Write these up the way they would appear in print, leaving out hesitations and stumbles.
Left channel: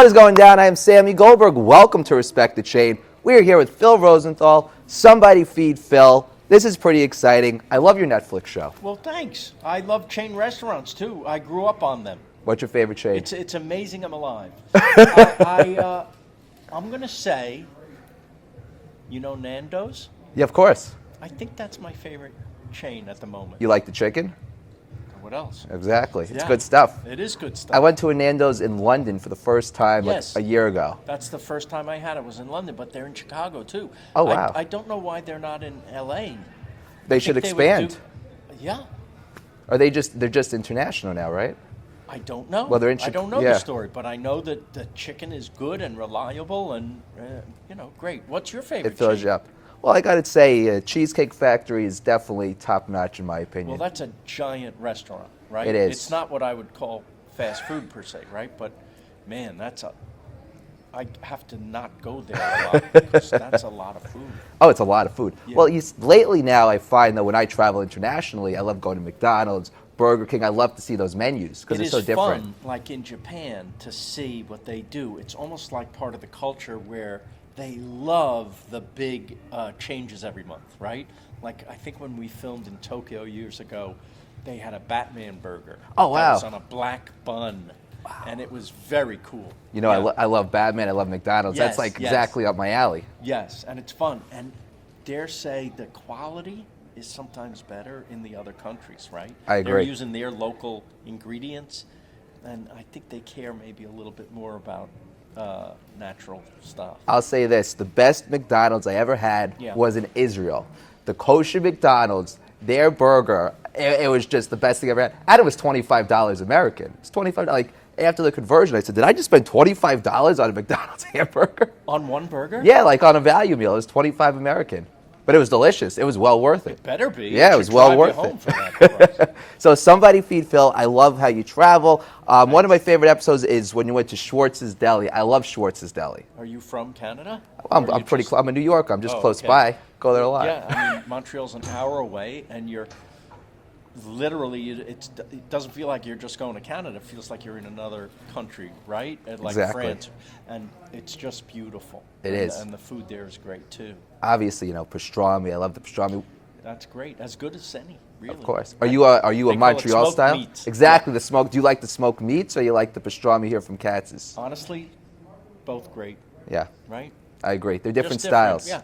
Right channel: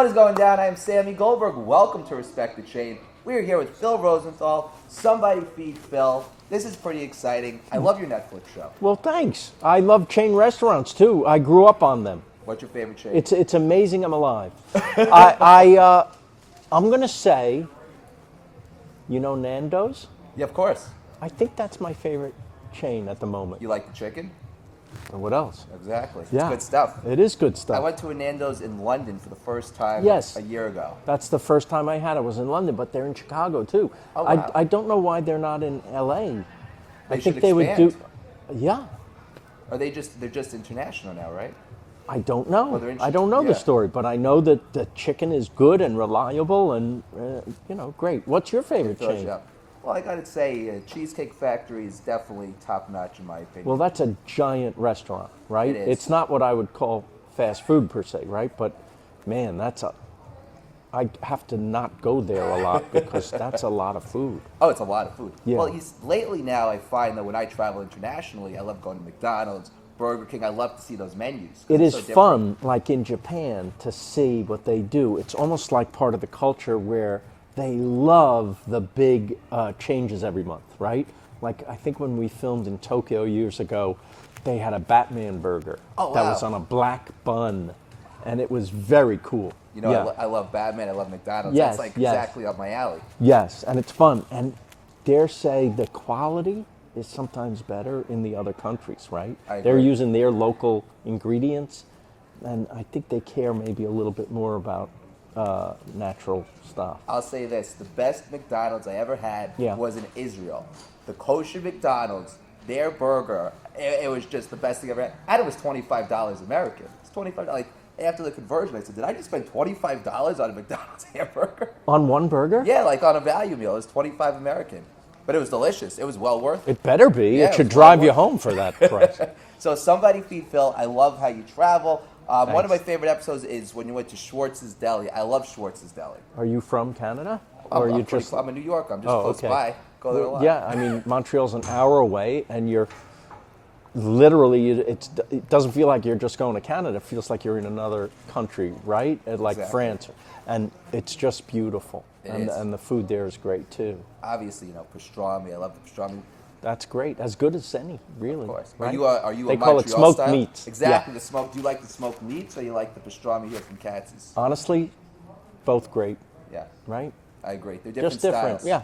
What is going down? I am Sammy Goldberg. Welcome to Respect the Chain. We are here with Phil Rosenthal. Somebody feed Phil. This is pretty exciting. I love your Netflix show. Well, thanks. I love chain restaurants, too. I grew up on them. What's your favorite chain? It's amazing I'm alive. I'm going to say, you know Nando's? Yeah, of course. I think that's my favorite chain at the moment. You like the chicken? And what else? Exactly. It's Yeah. good stuff. It is good stuff. I went to a Nando's in London for the first time Yes. a year ago. That's the first time I had it. Was in London, but they're in Chicago, too. Oh, wow. I don't know why they're not in L.A. They should think would expand. Yeah. Are they're just international now, right? I don't know. Well, they're in I don't know yeah. the story, but I know that the chicken is good and reliable and, great. What's your favorite It fills chain? you up. Well, I got to say, Cheesecake Factory is definitely top-notch in my opinion. Well, that's a giant restaurant, right? It is. It's not what I would call fast food per se, right? But, man, I have to not go there a lot because that's a lot of food. Oh, it's a lot of food. Yeah. Well, lately now I find that when I travel internationally, I love going to McDonald's, Burger King. I love to see those menus because It it's is so different. fun, like in Japan, to see what they do. It's almost like part of the culture where they love the big changes every month, right? Like, I think when we filmed in Tokyo years ago, they had a Batman burger. Oh, wow. That was on a black bun. And it was very cool. You know, Yeah. I love Batman. I love McDonald's. Yes, That's like yes. exactly up my alley. Yes, and it's fun. And dare say the quality is sometimes better in the other countries, right? I agree. They're using their local ingredients, and I think they care maybe a little bit more about natural stuff. I'll say this: the best McDonald's I ever had Yeah. was in Israel. The kosher McDonald's, their burger, it was just the best thing I ever had. And it was $25 American. It's $25. Like after the conversion, I said, did I just spend $25 on a McDonald's hamburger? On one burger? Yeah, like on a value meal. It was $25 American. But it was delicious. It was well worth it. It better be. Yeah, it it was should well drive you worth home it. for that price. So somebody feed Phil. I love how you travel. One of my favorite episodes is when you went to Schwartz's Deli. I love Schwartz's Deli. Are you from Canada? I'm Or are you pretty just- close. I'm in New York. I'm just Oh, close okay. by. Go there a lot. Yeah, I mean, Montreal's an hour away, and you're literally, it doesn't feel like you're just going to Canada. It feels like you're in another country, right? Like Exactly. France. And it's just beautiful. It and, is. And the food there is great, too. Obviously, you know, pastrami. I love the pastrami. That's great. As good as any, really. Of course. Right? Are you a They call it Montreal smoked style? meats. Exactly. Yeah. The smoke. Do you like the smoked meats or you like the pastrami here from Katz's? Honestly, both great, Yeah, right? I agree. They're different Just styles. Yeah.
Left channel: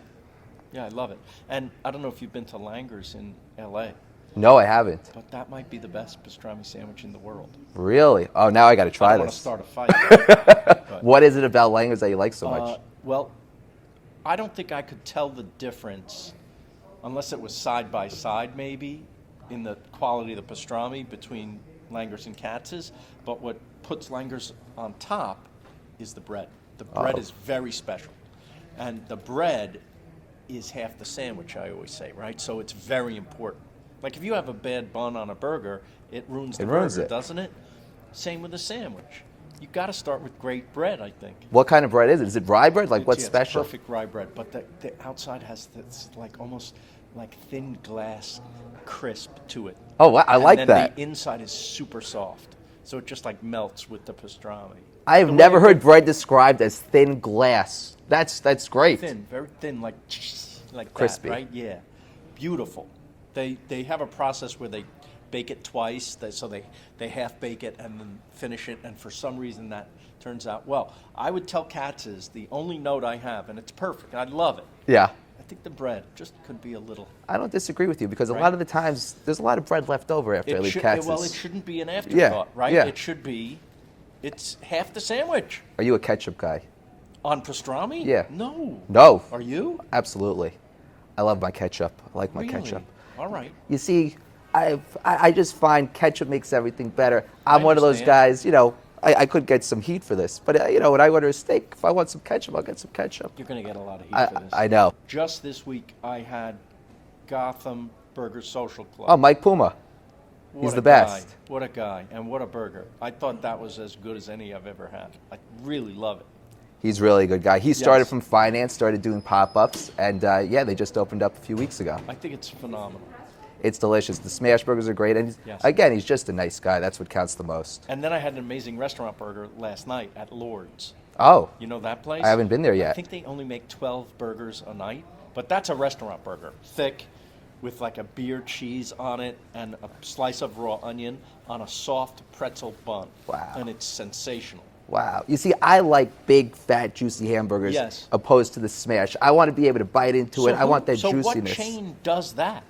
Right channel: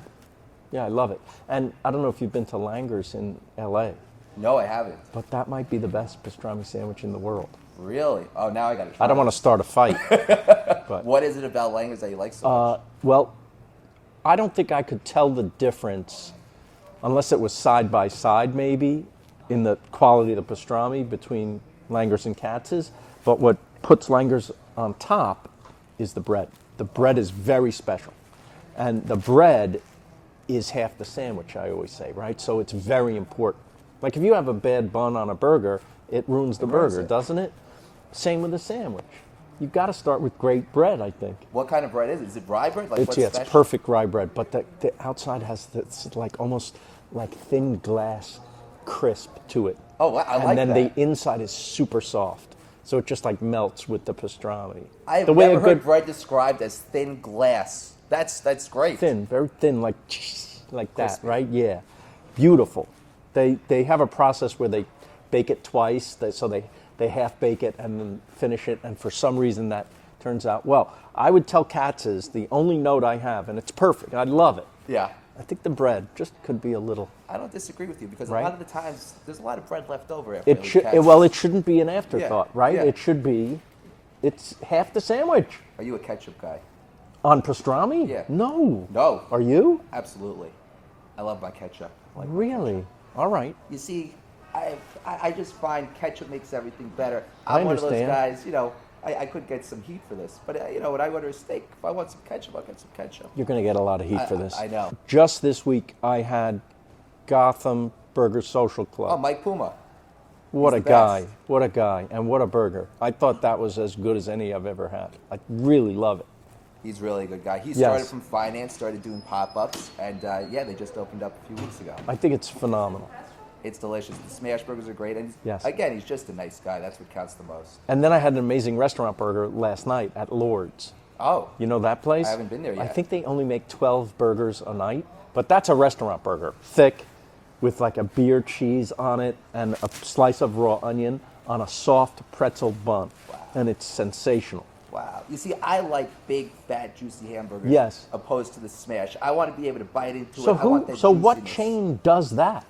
Yeah, I love it. And I don't know if you've been to Langer's in L.A., No, I haven't. but that might be the best pastrami sandwich in the world. Really? Oh, now I got to try. I don't want to this. start a fight. What is it about Langer's that you like so much? Well, I don't think I could tell the difference unless it was side by side, maybe, in the quality of the pastrami between Langer's and Katz's. But what puts Langer's on top is the bread. The bread is very special. And the bread is half the sandwich, I always say, right? So it's very important. Like if you have a bad bun on a burger, it ruins the ruins burger, it. doesn't it? Same with a sandwich. You've got to start with great bread, I think. What kind of bread is it? Is it rye bread? Like what's It's special? perfect rye bread, but the outside has this like almost like thin glass crisp to it. Oh, wow, I like and that. then the inside is super soft, so it just like melts with the pastrami. I've The way never a heard good- bread described as thin glass. That's great. thin, very thin, like Crispy. that, right? Yeah, beautiful. They have a process where they bake it twice, so they half bake it and then finish it, and for some reason that turns out well. I would tell Katz's the only note I have, and it's perfect. I love it. Yeah. I think the bread just could be a little. I don't disagree with you because a Right. lot of the times there's a lot of bread left over after I leave Well, Katz's. it shouldn't be an afterthought, right? yeah. It should be. It's half the sandwich. Are you a ketchup guy? On pastrami? Yeah. No. No. Are you? Absolutely. I love my ketchup. I like my Really? ketchup. All right. You see, I just find ketchup makes everything better. I I'm one of those understand. guys, you know, I could get some heat for this, but you know, when I order a steak, if I want some ketchup, I'll get some ketchup. You're going to get a lot of heat for this. I know. Just this week, I had Gotham Burger Social Club. Oh, Mike Puma. what he's a the guy. best. What a guy. And what a burger. I thought that was as good as any I've ever had. I really love it. He's really a good guy. He started Yes. from finance, started doing pop-ups, and yeah, they just opened up a few weeks ago. I think it's phenomenal. It's delicious. The smash burgers are great, and Yes. again, he's just a nice guy. That's what counts the most. And then I had an amazing restaurant burger last night at Lord's. Oh. You know that place? I haven't been there yet. I think they only make 12 burgers a night, but that's a restaurant burger. Thick, with like a beer cheese on it and a slice of raw onion on a soft pretzel bun. Wow. And it's sensational. Wow. You see, I like big, fat, juicy hamburgers Yes. opposed to the smash. I want to be able to bite into it. I want that so juiciness. what chain does that?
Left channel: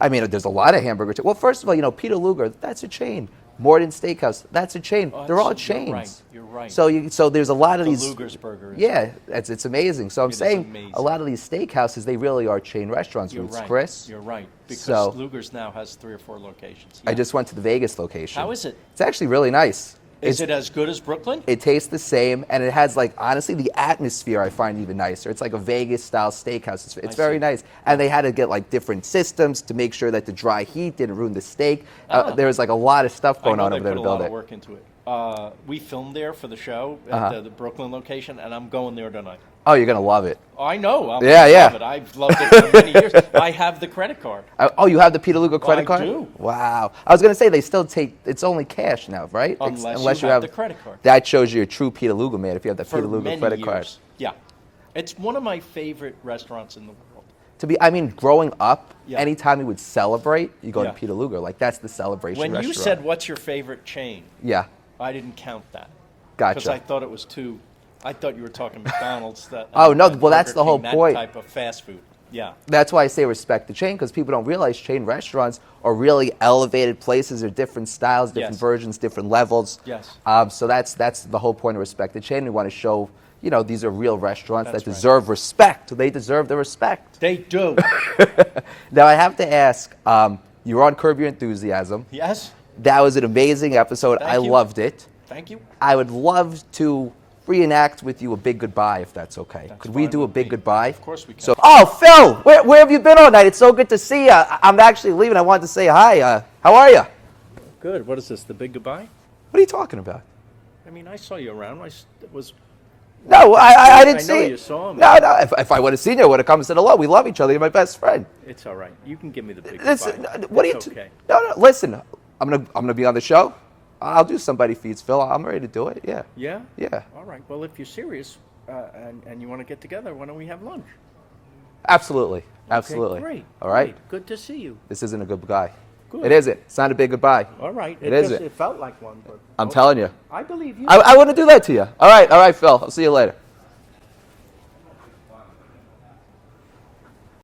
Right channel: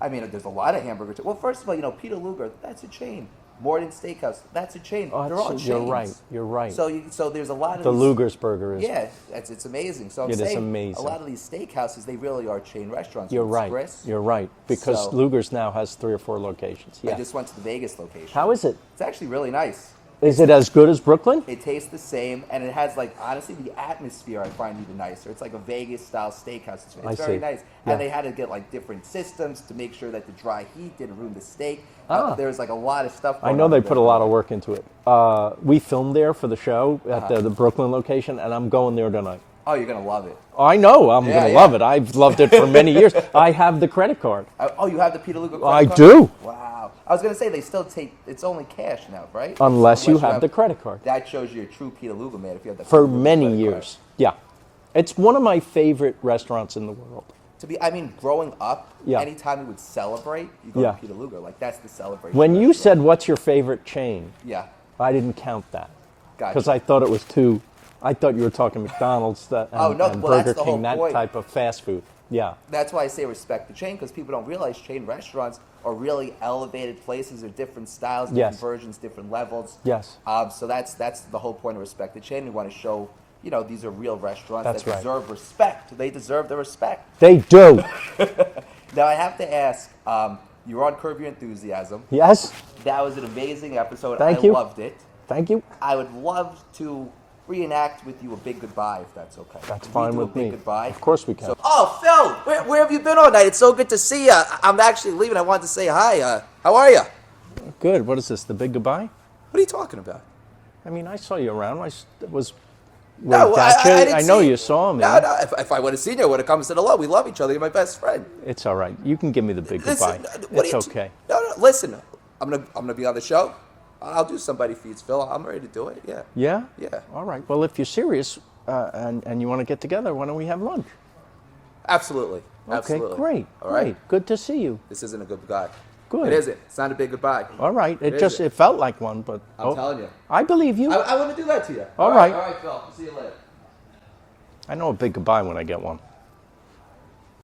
I mean, there's a lot of hamburger chains. Well, first of all, Peter Luger, that's a chain. Morden Steakhouse, that's a chain. Oh, They're all you're chains. right, you're right. So there's a lot of The these. Luger's burger is. Yeah, it's amazing. So I'm It is saying amazing. a lot of these steakhouses, they really are chain restaurants. You're Ruth's right. Chris. You're right. Because So- Luger's now has 3 or 4 locations. I Yeah. just went to the Vegas location. How is it? It's actually really nice. Is it as good as Brooklyn? It tastes the same, and it has, like, honestly, the atmosphere I find even nicer. It's like a Vegas-style steakhouse. It's I very see. nice. And they had to get, like, different systems to make sure that the dry heat didn't ruin the steak. There was, like, a lot of stuff I going know on. they over put a there. lot of work into it. We filmed there for the show at the Brooklyn location, and I'm going there tonight. Oh, you're going to love it. I know. I'm Yeah, gonna yeah. love it. I've loved it for many years. I have the credit card. Oh, you have the Peter Luger credit I card? do. Wow. I was going to say, they still take, it's only cash now, right? Unless you have the credit card. That shows you're a true Peter Luger man if you have the For Peter Luger many credit years. card. Yeah. It's one of my favorite restaurants in the world. Growing up, Yeah. anytime we would celebrate, you go Yeah. to Peter Luger. Like, that's the celebration When you restaurant. said, what's your favorite chain? Yeah. I didn't count that. Gotcha. Because I thought it was too. I thought you were talking McDonald's. Oh, no, and well, that's Burger the whole King, that point. type of fast food. Yeah. That's why I say respect the chain, because people don't realize chain restaurants are really elevated places. They're different styles, different Yes. versions, different levels. Yes. So that's the whole point of respect the chain. We want to show, these are real restaurants That's that right. deserve respect. They deserve the respect. They do. Now, I have to ask, you were on Curb Your Enthusiasm. Yes. That was an amazing episode. Thank I you. loved it. Thank you. I would love to reenact with you a big goodbye, if that's okay. That's Could we fine do a with big me. goodbye? Of course we can. So, oh, Phil, where have you been all night? It's so good to see you. I'm actually leaving. I wanted to say hi. How are you? Good. What is this? The big goodbye? What are you talking about? I mean, I saw you around. Was. No, back I there. didn't see I know you. you saw me. No. If I would have seen you, I would have come and said hello. We love each other. You're my best friend. It's all right. You can give me the big Listen, goodbye. what It's are you okay. No, listen. I'm gonna be on the show. I'll do Somebody Feeds Phil. I'm ready to do it. Yeah. Yeah? Yeah. All right. Well, if you're serious and you want to get together, why don't we have lunch? Absolutely. Absolutely. Okay, great. All right. Great. Good to see you. This isn't a good goodbye. Good. It isn't. It's not a big goodbye. All right. It isn't. It felt like one, but I'm telling you. I believe you. I want to do that to you. All right. right. All right, Phil. I'll see you later. I know a big goodbye when I get one.